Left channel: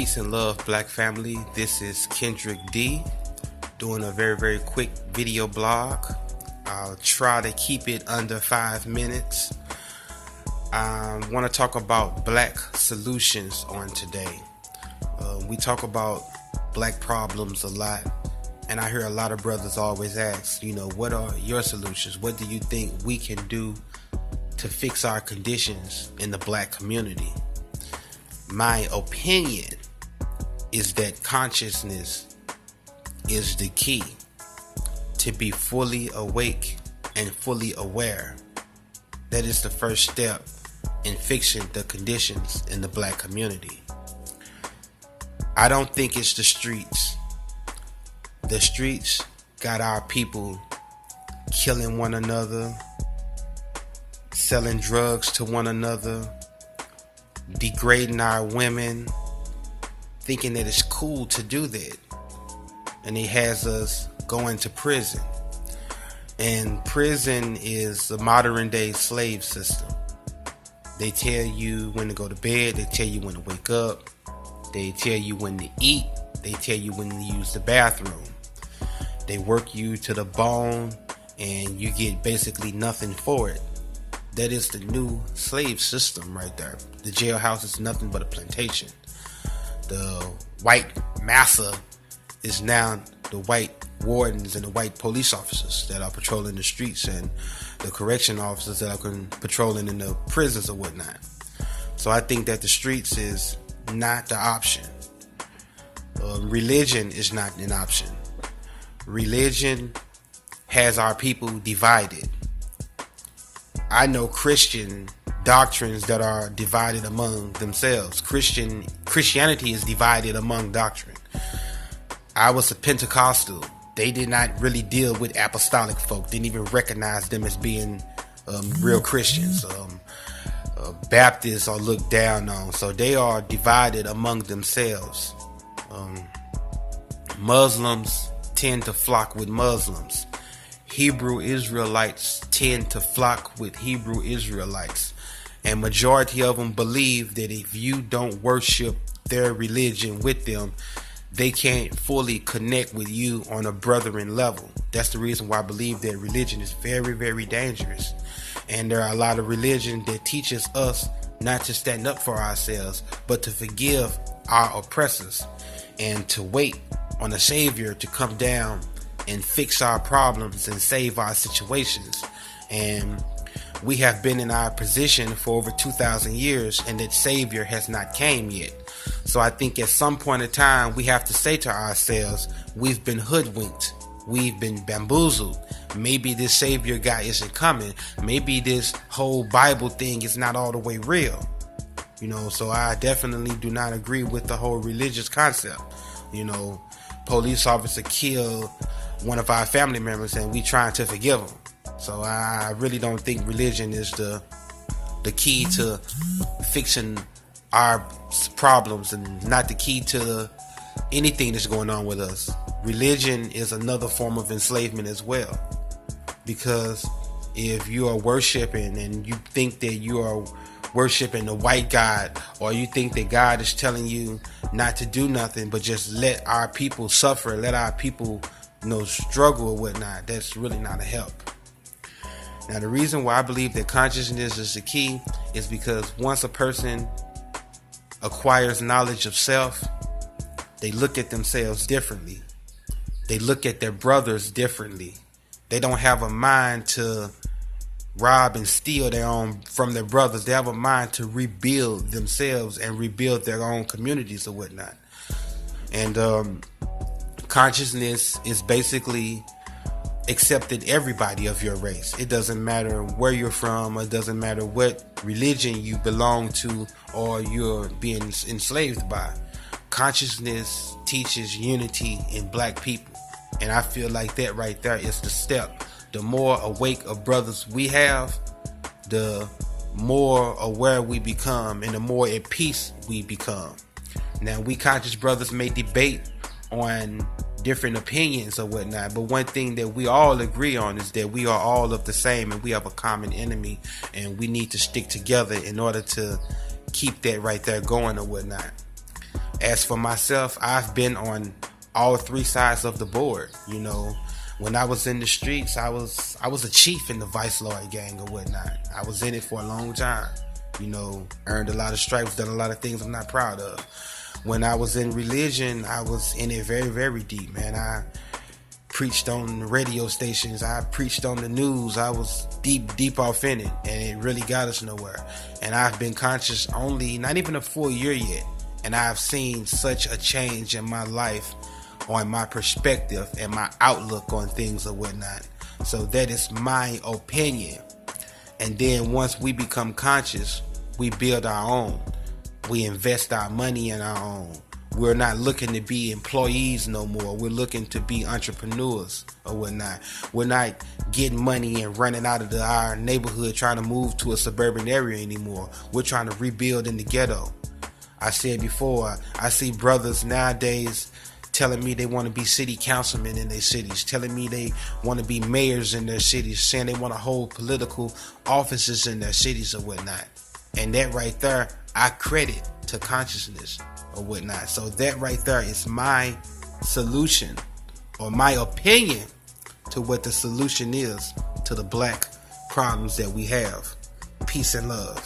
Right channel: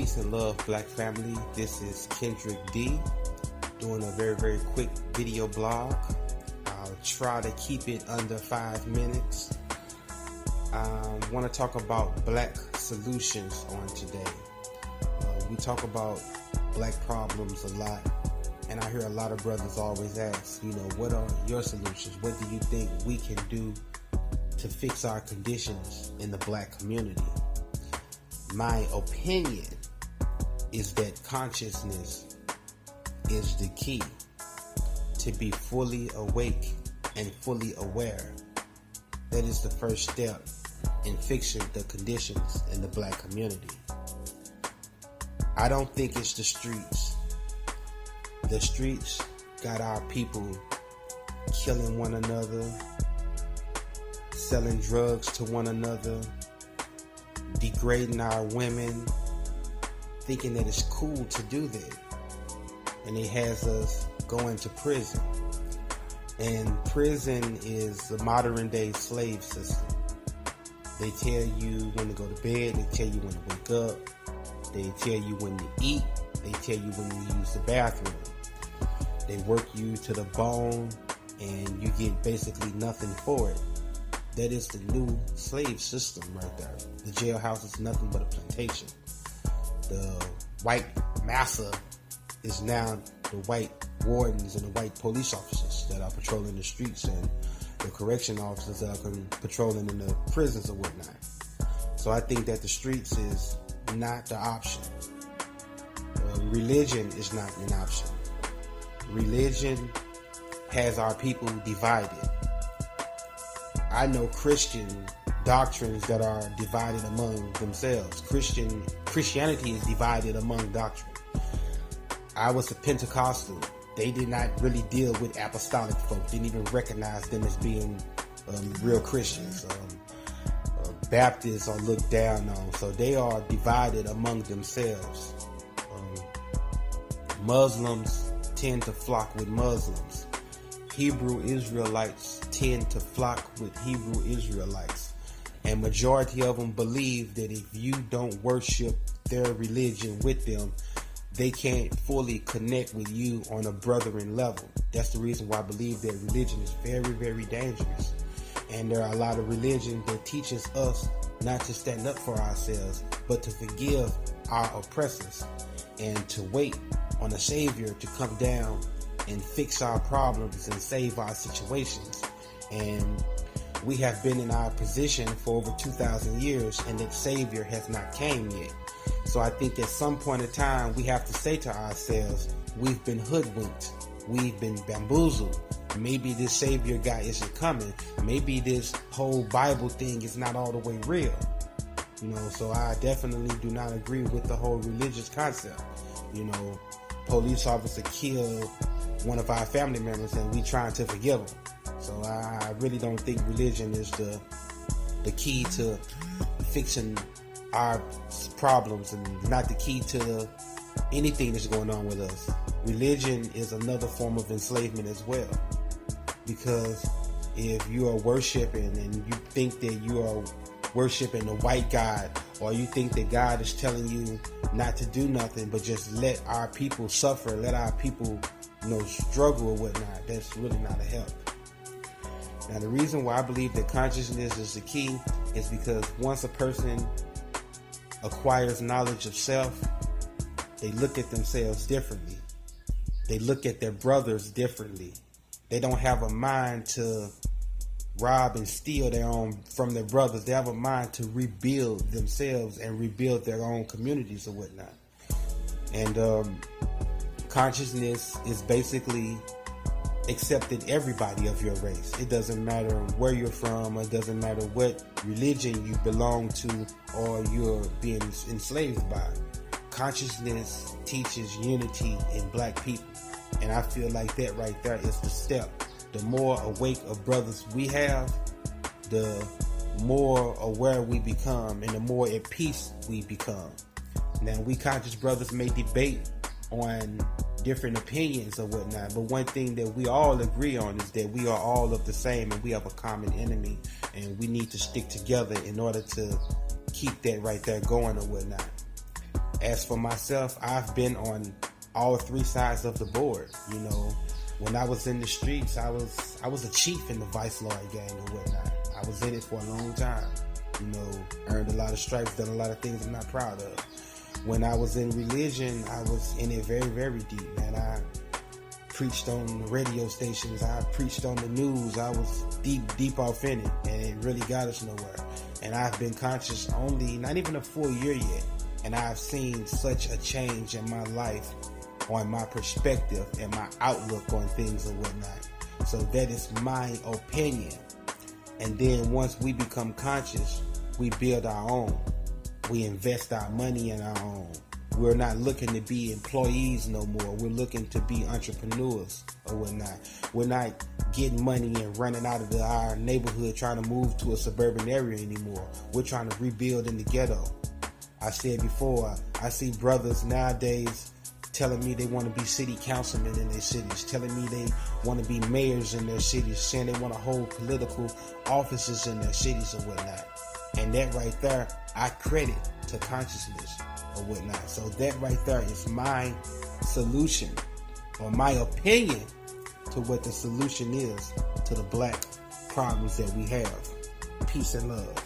Peace and love, black family. This is Kendrick D doing a very quick video blog. I'll try to keep it under 5 minutes. I want to talk about black solutions on today. We talk about black problems a lot, and I hear a lot of brothers always ask, what are your solutions? What do you think we can do to fix our conditions in the black community? My opinion is that consciousness is the key to be fully awake and fully aware. That is the first step in fixing the conditions in the black community. I don't think it's the streets. The streets got our people killing one another, selling drugs to one another, degrading our women, thinking that it's cool to do that. And it has us going to prison. And prison is a modern day slave system. They tell you when to go to bed, they tell you when to wake up, they tell you when to eat, they tell you when to use the bathroom. They work you to the bone and you get basically nothing for it. That is the new slave system right there. The jailhouse is nothing but a plantation. The white massa is now the white wardens and the white police officers that are patrolling the streets, and the correction officers that are patrolling in the prisons or whatnot. So I think that the streets is not the option. Religion is not an option. Religion has our people divided. I know Christian doctrines that are divided among themselves. Christianity is divided among doctrine. I was a Pentecostal. They did not really deal with apostolic folk. Didn't even recognize them as being real Christians. Baptists are looked down on. So they are divided among themselves. Muslims tend to flock with Muslims. Hebrew Israelites tend to flock with Hebrew Israelites. And majority of them believe that if you don't worship their religion with them, they can't fully connect with you on a brethren level. That's the reason why I believe that religion is very dangerous. And there are a lot of religion that teaches us not to stand up for ourselves, but to forgive our oppressors and to wait on a Savior to come down and fix our problems and save our situations. And we have been in our position for over 2,000 years, and that Savior has not came yet. So I think at some point in time, we have to say to ourselves, we've been hoodwinked. We've been bamboozled. Maybe this Savior guy isn't coming. Maybe this whole Bible thing is not all the way real. So I definitely do not agree with the whole religious concept. Police officer killed one of our family members and we trying to forgive him. So I really don't think religion is the key to fixing our problems, and not the key to anything that's going on with us. Religion is another form of enslavement as well, because if you are worshiping and you think that you are worshiping the white God, or you think that God is telling you not to do nothing but just let our people suffer, let our people struggle or whatnot, that's really not a help. Now the reason why I believe that consciousness is the key is because once a person acquires knowledge of self, they look at themselves differently. They look at their brothers differently. They don't have a mind to rob and steal from their brothers. They have a mind to rebuild themselves and rebuild their own communities or whatnot. And consciousness is basically accepting everybody of your race. It doesn't matter where you're from, it doesn't matter what religion you belong to or you're being enslaved by. Consciousness teaches unity in black people, and I feel like that right there is the step. The more awake of brothers we have, the more aware we become and the more at peace we become. Now, we conscious brothers may debate on different opinions or whatnot, but one thing that we all agree on is that we are all of the same and we have a common enemy, and we need to stick together in order to keep that right there going or whatnot. As for myself, I've been on all three sides of the board. You know, when I was in the streets, I was a chief in the Vice Lord gang or whatnot. I was in it for a long time. You know, earned a lot of stripes, done a lot of things I'm not proud of. When I was in religion, I was in it very, very deep, man. I preached on the radio stations. I preached on the news. I was deep off in it, and it really got us nowhere. And I've been conscious only, not even a full year yet, and I've seen such a change in my life on my perspective and my outlook on things and whatnot. So that is my opinion. And then once we become conscious, we build our own. We invest our money in our own. We're not looking to be employees no more. We're looking to be entrepreneurs or whatnot. We're not getting money and running out of our neighborhood trying to move to a suburban area anymore. We're trying to rebuild in the ghetto. I said before, I see brothers nowadays telling me they want to be city councilmen in their cities, telling me they want to be mayors in their cities, saying they want to hold political offices in their cities or whatnot. And that right there, I credit to consciousness or whatnot. So that right there is my solution or my opinion to what the solution is to the black problems that we have. Peace and love.